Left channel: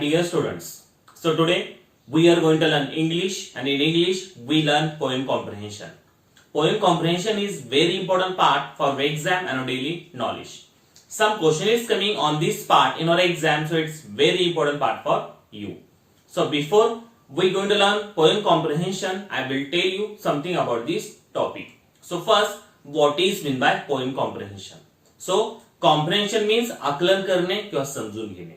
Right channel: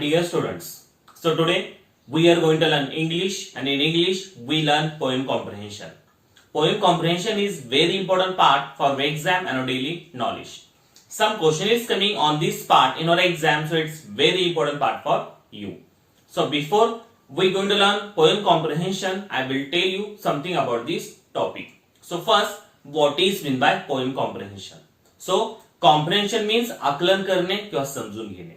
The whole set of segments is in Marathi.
dear students. So today we are going to learn English, and in English we learn poem comprehension. Poem comprehension is very important part for exam and our daily knowledge. Some question is coming on this part in our exam, so it's very important part for you. So before we going to learn poem comprehension, I will tell you something about this topic. So first, what is mean by poem comprehension? So comprehension means आकलन करणे किंवा समजून घेणे.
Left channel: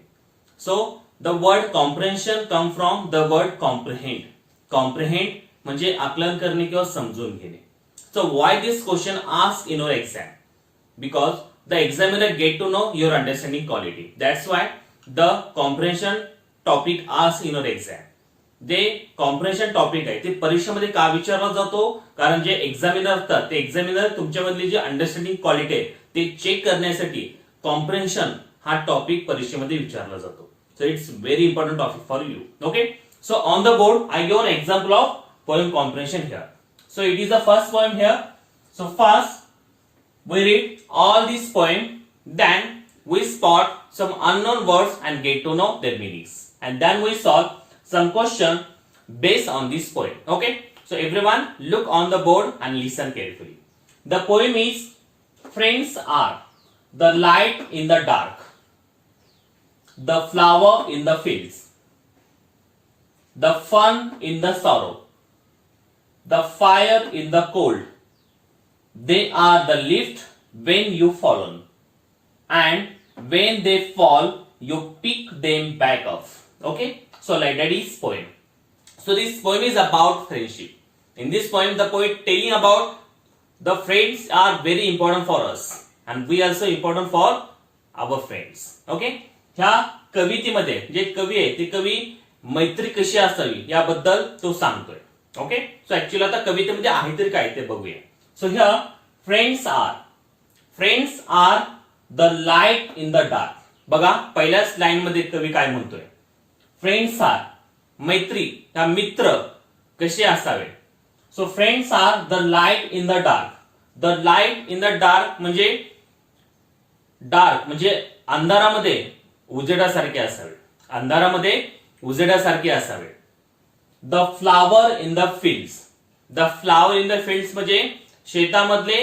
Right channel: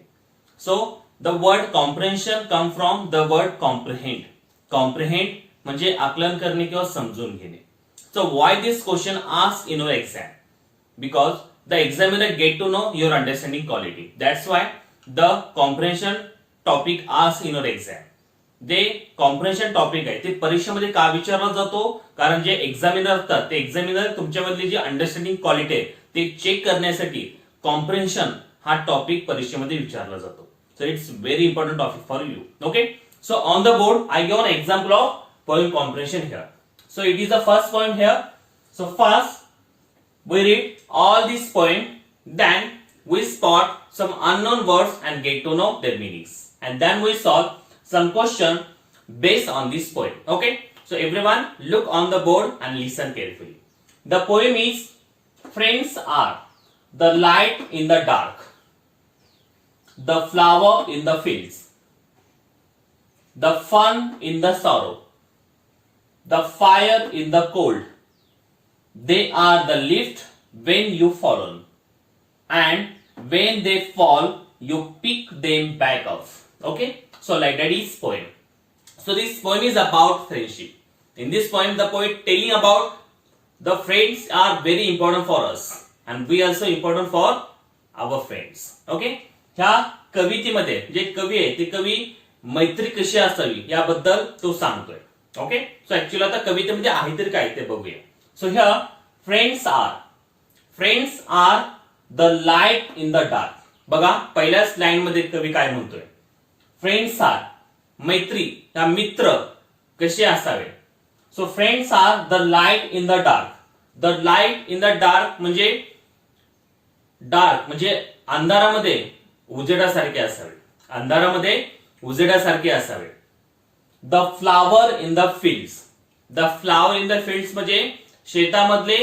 So the word comprehension come from the word comprehend. Comprehend म्हणजे आकलन करणे किंवा समजून घेणे. So why this question asked in your exam? Because the examiner get to know your understanding quality. That's why the comprehension topic asked in your exam. ते कॉम्प्रेन्शन टॉपिक आहे ते परीक्षेमध्ये का विचारला जातो, कारण जे एक्झामिनर असतात ते एक्झामिनर तुमच्यामधली जी अंडरस्टँडिंग क्वालिटी आहे ते चेक करण्यासाठी कॉम्प्रेन्शन हा टॉपिक परीक्षेमध्ये विचारला जातो. So it's very important topic for you. Okay, so on the board I give an example of poem comprehension here. So it is the first poem here. So first we read all this poem, then we spot some unknown words and get to know their meanings, and then we solve some question based on this poem. Okay, so everyone look on the board and listen carefully. The poem is: friends are the light in the dark, the flower in the fields, the fun in the sorrow, the fire in the cold. They are the lift when you fall on, and when they fall, you pick them back up. Okay, so like that is poem. So this poem is about friendship. In this poem, the poet telling about the friends are very important for us, and we also important for our friends. Okay, ह्या कवितेमध्ये जे कवी आहे ते कवी मैत्री कशी असावी याबद्दल तो सांगतोय. ओके, सो ऍक्च्युअली आता कवितेमध्ये आहे तरी काय ते बघूया. So here, friends are the light in the dark. बघा पहिल्याच लाईन मध्ये कवी काय म्हणतोय, फ्रेंड्स आर मैत्री या मित्र कसे असावे. So friends are the light in the dark. The light in the dark म्हणजे डार्क म्हणजे अंधारामध्ये उजेडासारखे असावे, अंधारामध्ये उजेडासारखे असावे. The flower in the fields. The flower in the fields म्हणजे शेतामधले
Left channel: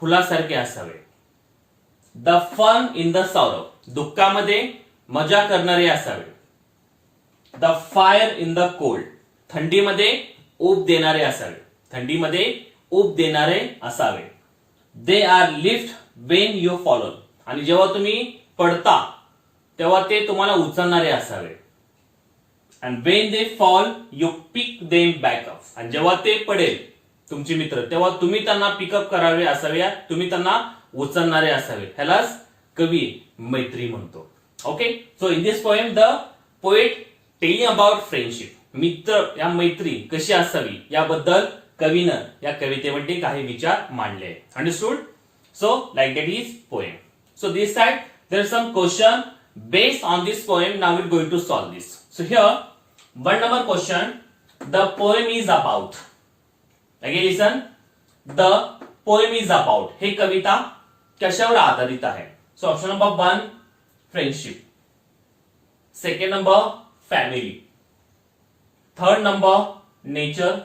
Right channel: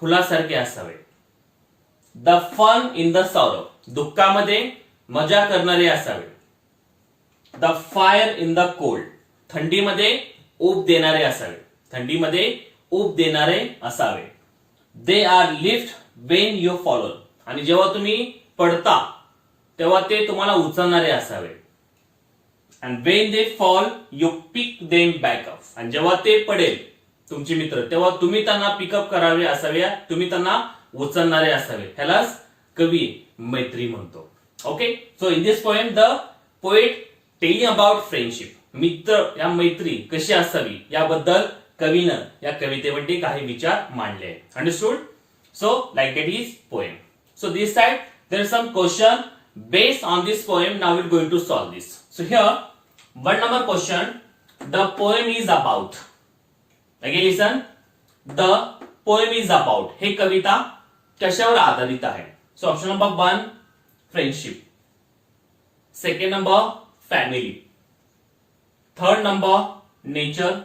फुलासारखे असावे. The fun in the sorrow. दुःखामध्ये मजा करणारे असावे. The fire in the cold. थंडीमध्ये ऊब देणारे असावे, थंडीमध्ये ऊब देणारे असावे. They are lift when you follow. आणि जेव्हा तुम्ही पडता तेव्हा ते तुम्हाला उचलणारे असावे. And when they fall you pick them back up. आणि जेव्हा ते पडेल तुमचे मित्र तेव्हा तुम्ही त्यांना पिकअप करावे असावे, तुम्ही त्यांना उचलणारे असावे. ह्यालाच कवी मैत्री म्हणतो. Okay, so in this poem the poet telling about friendship. मित्र या मैत्री कशी असावी याबद्दल कवीनं या कवितेमध्ये काही विचार मांडले. Understood? So like that is poem. So this side there are some question based on this poem. Now we are going to solve this. So here one number question, the poem is about. Again listen, the poem is about. हे कविता कशावर आधारित आहे? So option number 1 friendship, second number family, third number nature,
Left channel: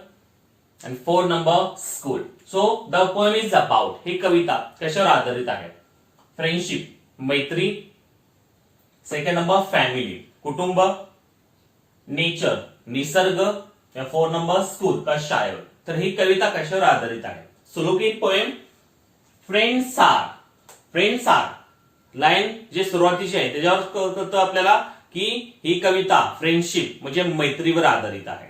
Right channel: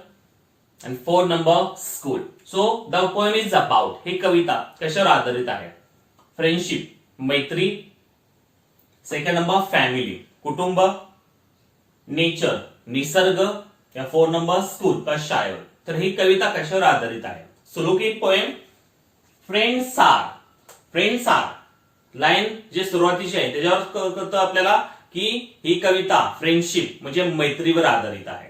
आणि fourth number school. So the poem is about. हे कविता कशावर आधारित आहे? फ्रेंडशिप मैत्री, सेकंड नंबर फॅमिली कुटुंब, नेचर निसर्ग, या फोर्थ नंबर स्कूल का शाळेवर. तर ही कविता कशावर आधारित आहे? So look in poem. Friends are. Friends are line जे सुरुवातीची आहे त्याच्यावर कळतं आपल्याला की ही कविता फ्रेंडशिप म्हणजे मैत्रीवर आधारित आहे.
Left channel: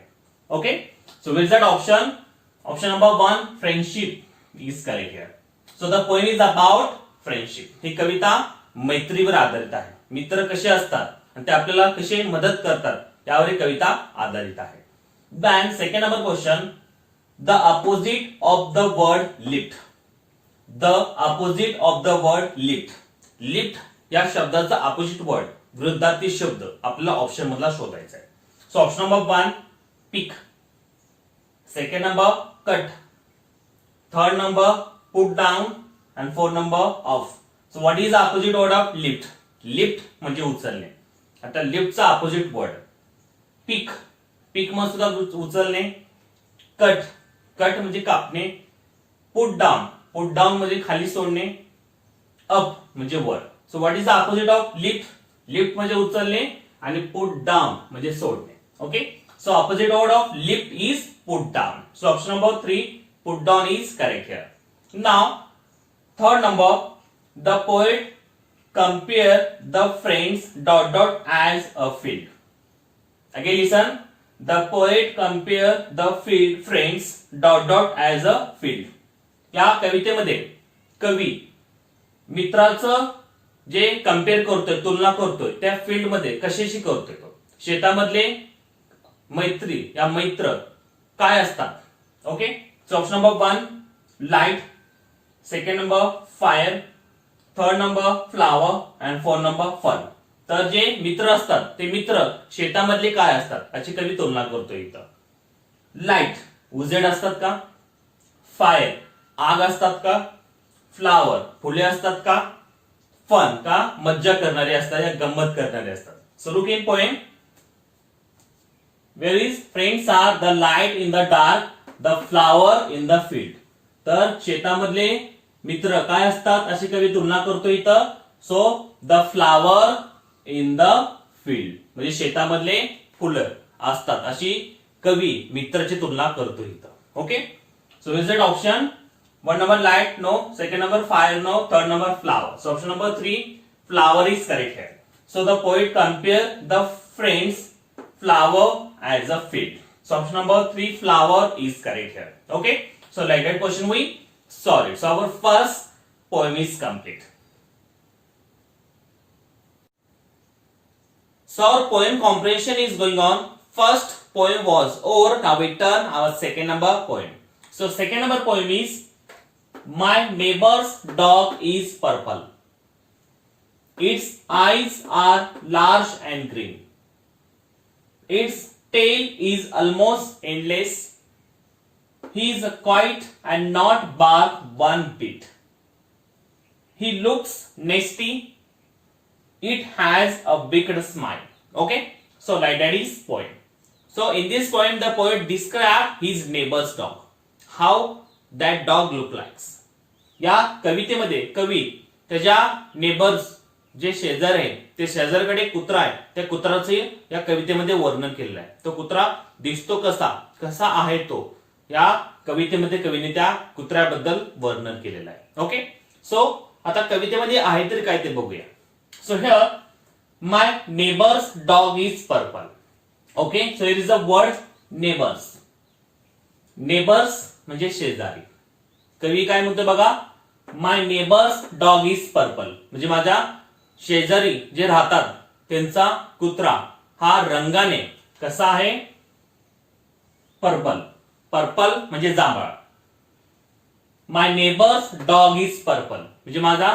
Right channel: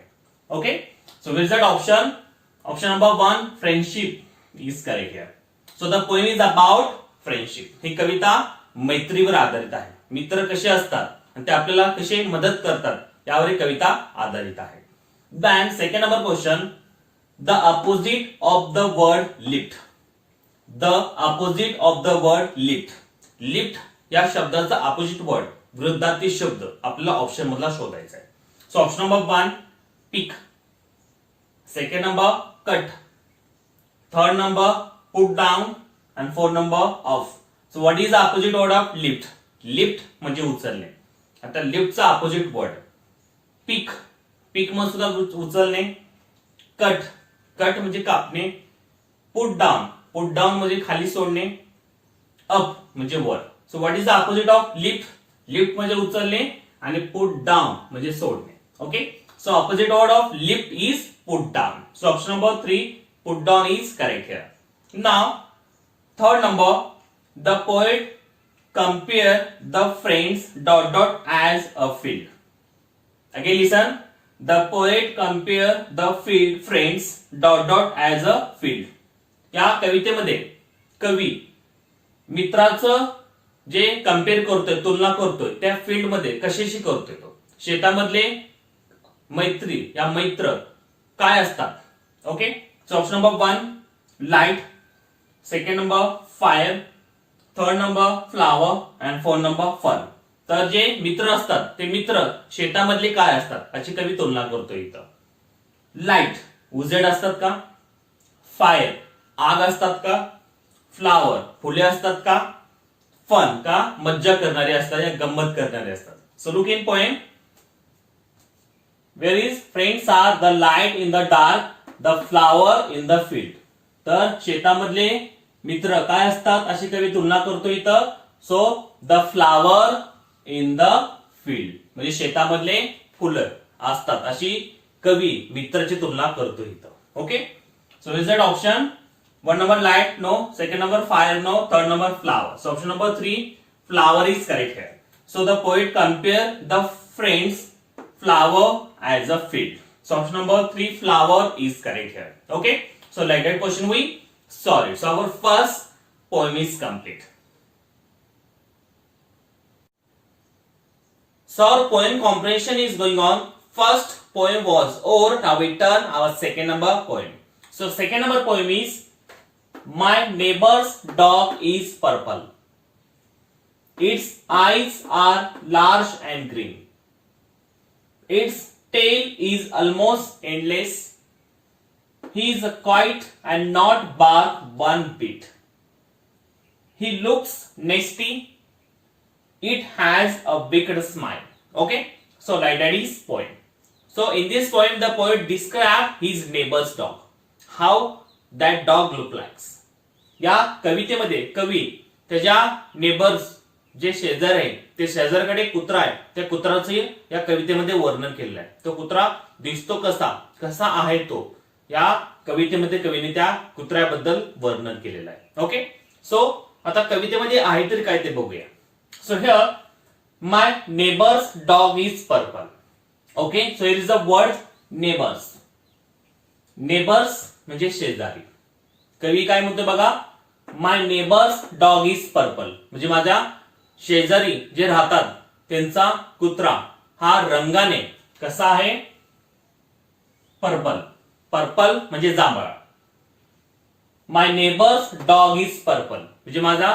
Okay, so will that option number 1 friendship is correct here. So the poem is about friendship. ही कविता मैत्रीवर आधारित आहे. मित्र कसे असतात आणि ते आपल्याला कसे मदत करतात यावर ही कविता आधारित आहे. Then second number question, the opposite of the word lift. The opposite of the word lift. Lift या शब्दाचा ऑपोजिट वर्ड विरुद्धार्थी शब्द आपल्याला ऑप्शन मधला शोधायचा आहे. So option number 1 pick, second number cut, third number put down, and fourth number off. So what is opposite word of lift? Lift म्हणजे उचलणे. आता लिफ्टचा अपोजिट वर्ड पिक, पिक म्हणजे सुद्धा उचलणे. कट, कट म्हणजे कापणे. पुट डाऊन, पुट डाऊन म्हणजे खाली सोडणे. अप म्हणजे वर. So what is the opposite of lift? Lift म्हणजे उचलणे आणि पुट डाऊन म्हणजे सोडणे. Okay, so opposite word of lift is put down. So option number 3 put down is correct here. Now third number, the poet compare the friends dot dot as a field. Again listen, the poet compare the field friends dot dot as a field. या कवितेमध्ये कवी मित्राचं जे कम्पेअर करतोय, तुलना करतोय, त्या फील्ड मध्ये कशाशी करतोय? तो शेतामधले मैत्री या मैत्र काय असतात? Okay, so option number 1 light, second number fire, third number flower and fourth number fun. तर जे मित्र असतात ते मित्र शेतामधले काय असतात याची कवी तुलना करतोय इथं. लाईट उजेड असतात का? फायर आग असतात का? फ्लावर फुले असतात का? फन का मज्जा करणारे असतात या गंमत करणारे असतात. So look in poem. Where is friends are the light in the dark, the flower in the field. तर शेतामधले मित्र काय असतात अशी कवी तुलना करतो इथं. So the flower in the field म्हणजे शेतामधले फुलं असतात अशी कवी मित्राची तुलना करतो इथं. Okay, so is that option 1 number light no, second number fire no, third number flower. So option number 3 flower is correct here. So the poet compare the friends flower as a field. So option number 3 flower is correct here. Okay, so like that question we solve it. So our first poem is complete. So our poem comprehension is going on. First poem was over. Now we turn our second number poem. So second number poem is my neighbor's dog is purple. Its eyes are large and green. Its tail is almost endless. He is quiet and not bark one bit. He looks nasty. It has a wicked smile. Okay, so like that is poem. So in this poem the poet described his neighbor's dog. How that dog look like. या कवितेमध्ये कवी त्याच्या नेबर्स जे शेजार आहे ते शेजारकडे कुत्रा आहे त्या कुत्राचे या कवितेमध्ये वर्णन केलेलं आहे. तो कुत्रा दिसतो कसा, कसा आहे तो या कवितेमध्ये कवीने त्या कुत्र्याबद्दल वर्णन केलेलं आहे. ओके, सो आता कवितेमध्ये आहे तरी काय ते बघूया. So here my neighbours dog is purple. Okay, so here is a word neighbours. Neighbours म्हणजे शेजारी. कवी काय म्हणतो बघा, माय नेबर्स डॉग इज पर्पल म्हणजे माझ्या शेजारी जे राहतात त्यांचा कुत्रा हा रंगाने कसा आहे? पर्पल. पर्पल म्हणजे जांभळा. माय नेबर्स डॉग इज पर्पल म्हणजे माझा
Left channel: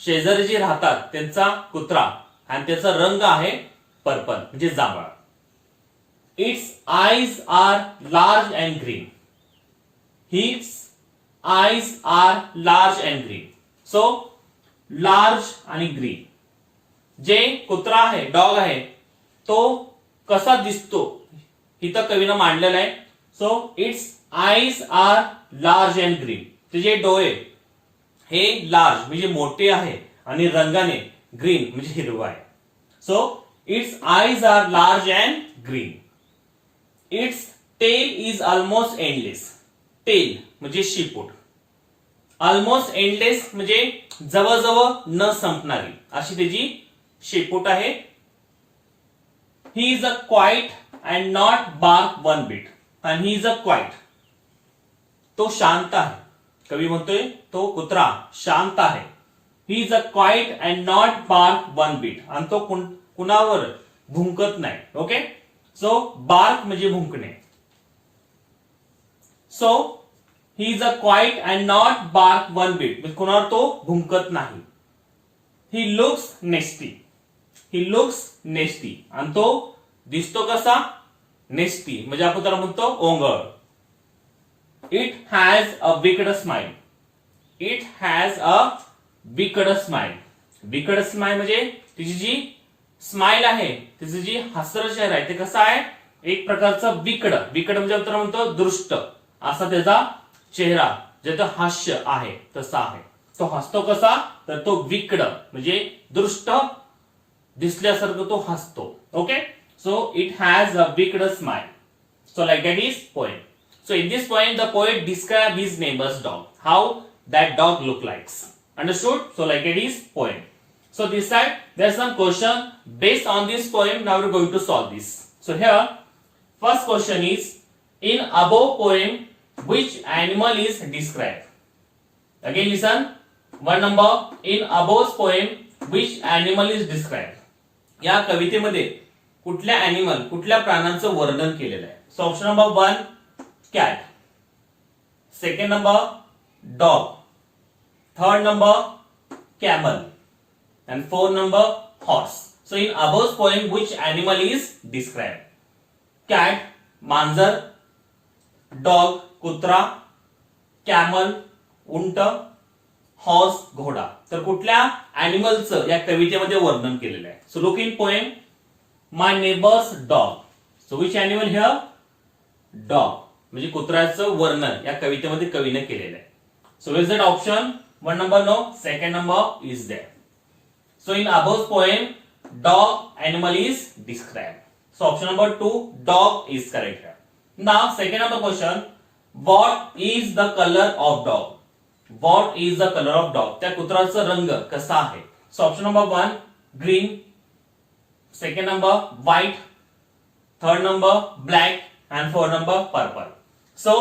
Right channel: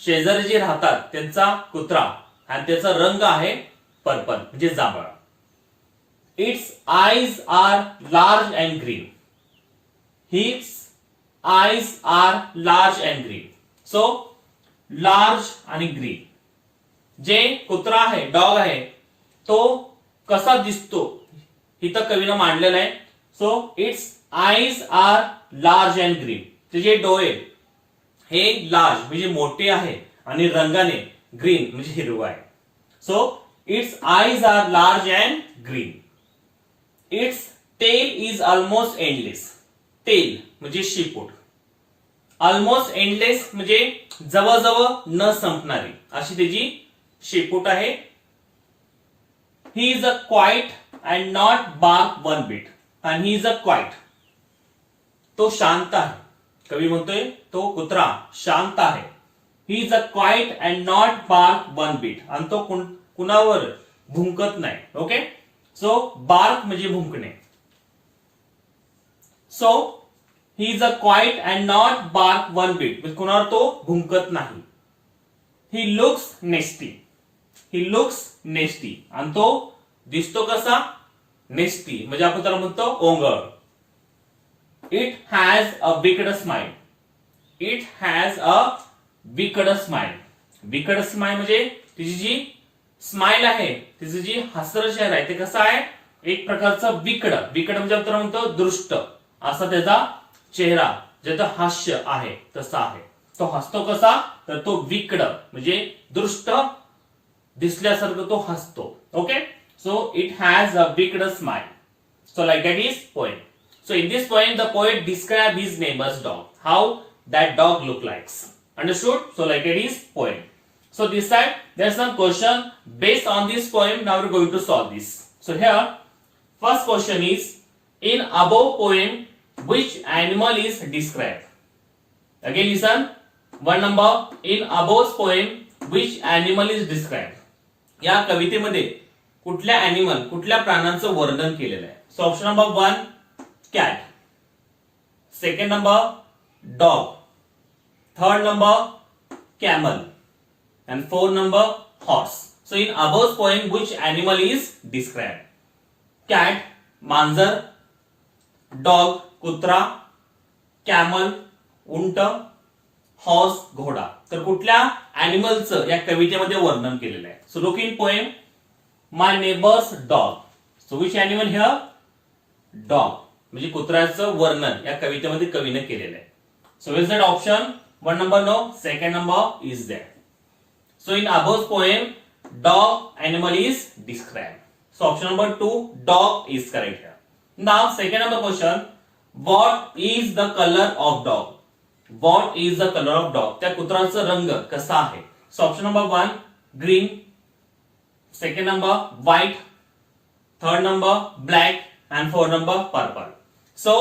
शेजारी जे राहतात त्यांचा कुत्रा आणि त्याचा रंग आहे पर्पल म्हणजे जांभळा. Its eyes are large and green. His eyes are large and green. So large आणि ग्रीन. जे कुत्रा आहे डॉग आहे तो कसा दिसतो इथं कवीनं मांडलेलं आहे. So its eyes are large and green. त्याचे डोळे हे लार्ज म्हणजे मोठे आहे आणि रंगाने ग्रीन म्हणजे हिरवा आहे. So its eyes are large and green. Its tail is almost endless. Tail म्हणजे शेपूट. ऑलमोस्ट एंडलेस म्हणजे जवळजवळ न संपणारी अशी त्याची शेपूट आहे. He is a quiet and not bark one bit. आणि ही इज अ क्वाइट तो शांत आहे. कवी म्हणतोय तो कुत्रा शांत आहे. He is a quiet and not bark one bit आणि तो कुणावर भुंकत नाही. ओके, सो बार्क म्हणजे भुंकणे. So he is a quiet and not bark one beat म्हणजे कुणावर तो भुंकत नाही. ही लुक्स नेस्टी. ही लुक्स नेस्टी आणि तो दिसतो कसा? नेस्टी म्हणजे आपण त्याला म्हणतो ओंगळ. It has a wicked smile. It has a wicked smile. Wicked smile म्हणजे तिची जी स्माइल आहे तिचं जी हसरं चेहरा आहे ते कसं आहे, एक प्रकारचं विकड म्हणजे आपण म्हणतो दृष्ट असा त्याचा चेहरा, जे तर हास्य आहे तसा आहे. तो हसतो कसा, तर तो विकड म्हणजे दृष्ट दिसल्यासारखं तो हसतो. Okay, so it has a wicked smile. So like that is poem. So in this poem, the poet describes his neighbor's dog, how that dog look likes. Understood? So like it is poem. So this side, there's some question based on this poem. Now we're going to solve this. So here, first question is, in above poem, which animal is described? Again listen. One number, in above poem, which animal is described? या कवितेमध्ये कुठल्या ॲनिमल, कुठल्या प्राण्यांचं वर्णन केलेलं आहे? So option number 1 cat, second number dog, third number camel, and fourth number horse. So in above poem, which animal is described? Cat, मांजर, dog, कुत्रा, camel, उंट, horse, घोडा. तर कुठल्या ॲनिमलचं या कवितेमध्ये वर्णन केलेलं आहे? So look in poem, my neighbor's dog. So which animal here? Dog. म्हणजे कुत्र्याचं वर्णन या कवितेमध्ये कवीने केलेलं आहे. So is that option 1 number no, second number is that. So in above poem dog animal is described. So option number 2 dog is correct here. Now second number question, what is the colour of dog? What is the colour of dog? त्या कुत्र्याचा रंग कसा आहे? So option number 1 green, second number white, third number black, and 4 number purple. So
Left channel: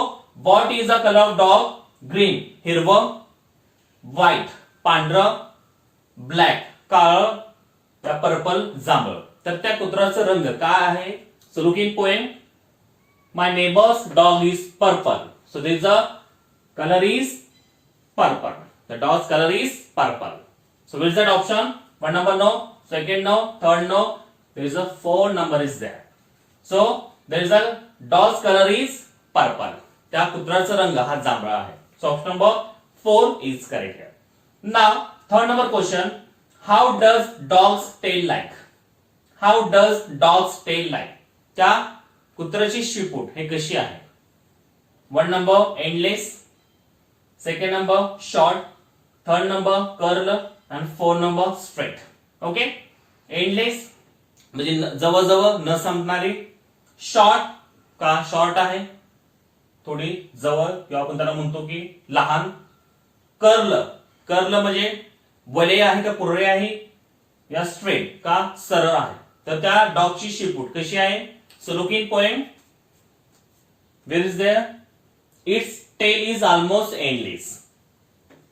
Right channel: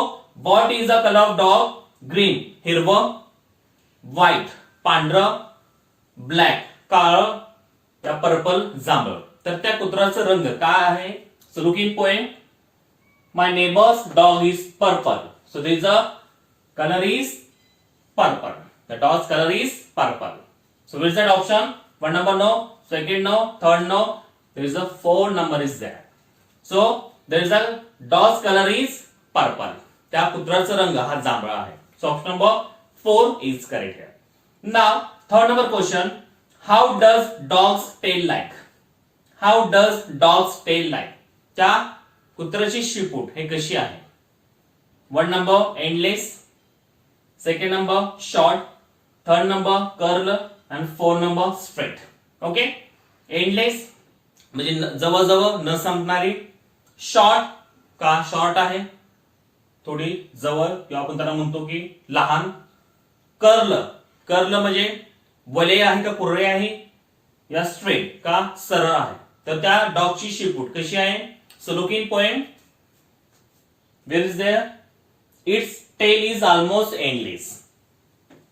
what is the color of dog? Green हिरवं, white पांढरं, black काळं, या पर्पल जांभळं. तर त्या कुत्र्याचा रंग काय आहे? So look in poem, my neighbor's dog is purple. So there is a color is purple. The dog's color is purple. So which is that option? 1 number no, second no, third no. There is a 4 number is there. So there is a dog's color is purple. त्या कुत्र्याचा रंग हा जांभळा आहे. So option number 4 is correct here. Now third number question, how does dog's tail like? How does dog's tail like? त्या कुत्र्याची शिपूट हे कशी आहे? 1 number endless, second number short, third number curl, and 4 number straight. Okay, endless म्हणजे जवळजवळ न संपणारी, शॉर्ट का शॉर्ट आहे थोडी जवळ किंवा आपण त्याला म्हणतो की लहान, कर्ल म्हणजे वलय आहे का कुर्रे आहे, या स्ट्रेट का सरळ आहे. तर त्या डॉगची शिपूट कशी आहे? So look in poem, where is there, its tail is almost endless.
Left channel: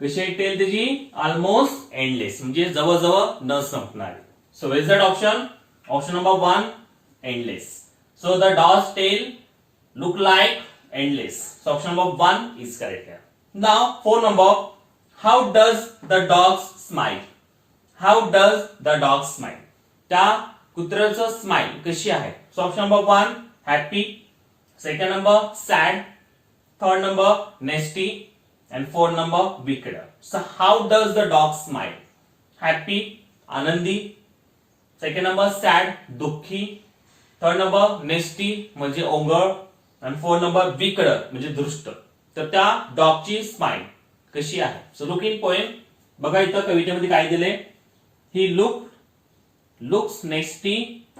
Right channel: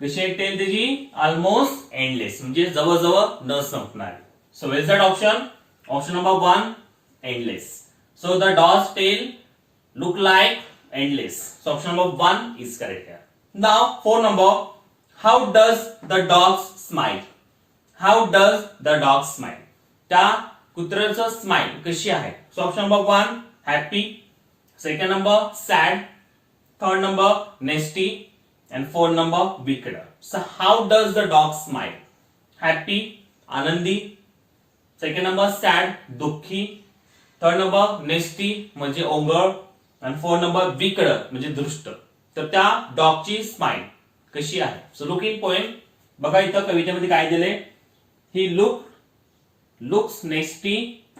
कशी आहे टेल त्याची? ऑलमोस्ट एंडलेस म्हणजे जवळजवळ न संपणारी. So where is that option? Option number 1 endless. So the dog's tail look like endless. So option number 1 is correct here. Now 4 number, how does the dog smile? How does the dog smile? त्या कुत्र्याचं स्माइल कशी आहे? So option number 1 happy, second number sad, third number nasty, and 4 number wicked. So how does the dog smile? Happy आनंदी, second number sad दुःखी, थर्ड नंबर नेस्टी म्हणजे ओंगळ, आणि 4 नंबर विकड म्हणजे दृष्ट. तर त्या डॉगची स्माइल कशी आहे? सो लुक इन पोएम, बघा इथं कवितेमध्ये काय दिले, he looks nasty,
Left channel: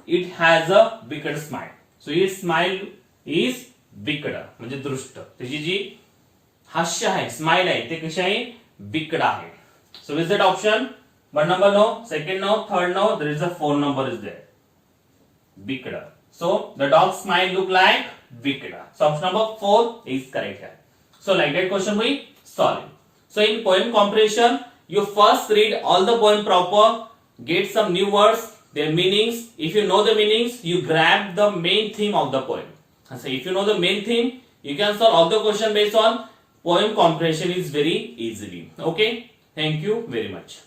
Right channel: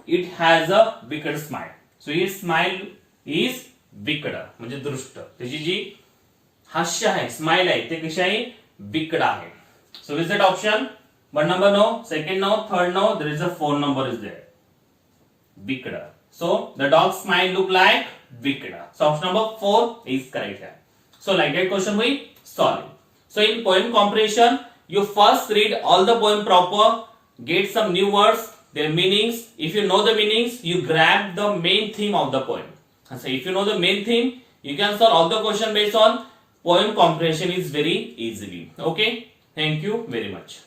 it has a wicked smile. So it smile is wicked म्हणजे दृष्ट. त्याची जी हास्य आहे, स्माइल आहे, ते कशी आहे? विकड आहे. So is that option? 1 number no, second no, third no, there is a 4 number is there. Wicked. So the dog's smile look like wicked. So option number 4 is correct here. So like that question we solve it. So in poem comprehension, you first read all the poem proper, get some new words, their meanings. If you know the meanings, you grab the main theme of the poem. And so if you know the main theme, you can solve all the question based on poem comprehension is very easily. Okay. Thank you very much.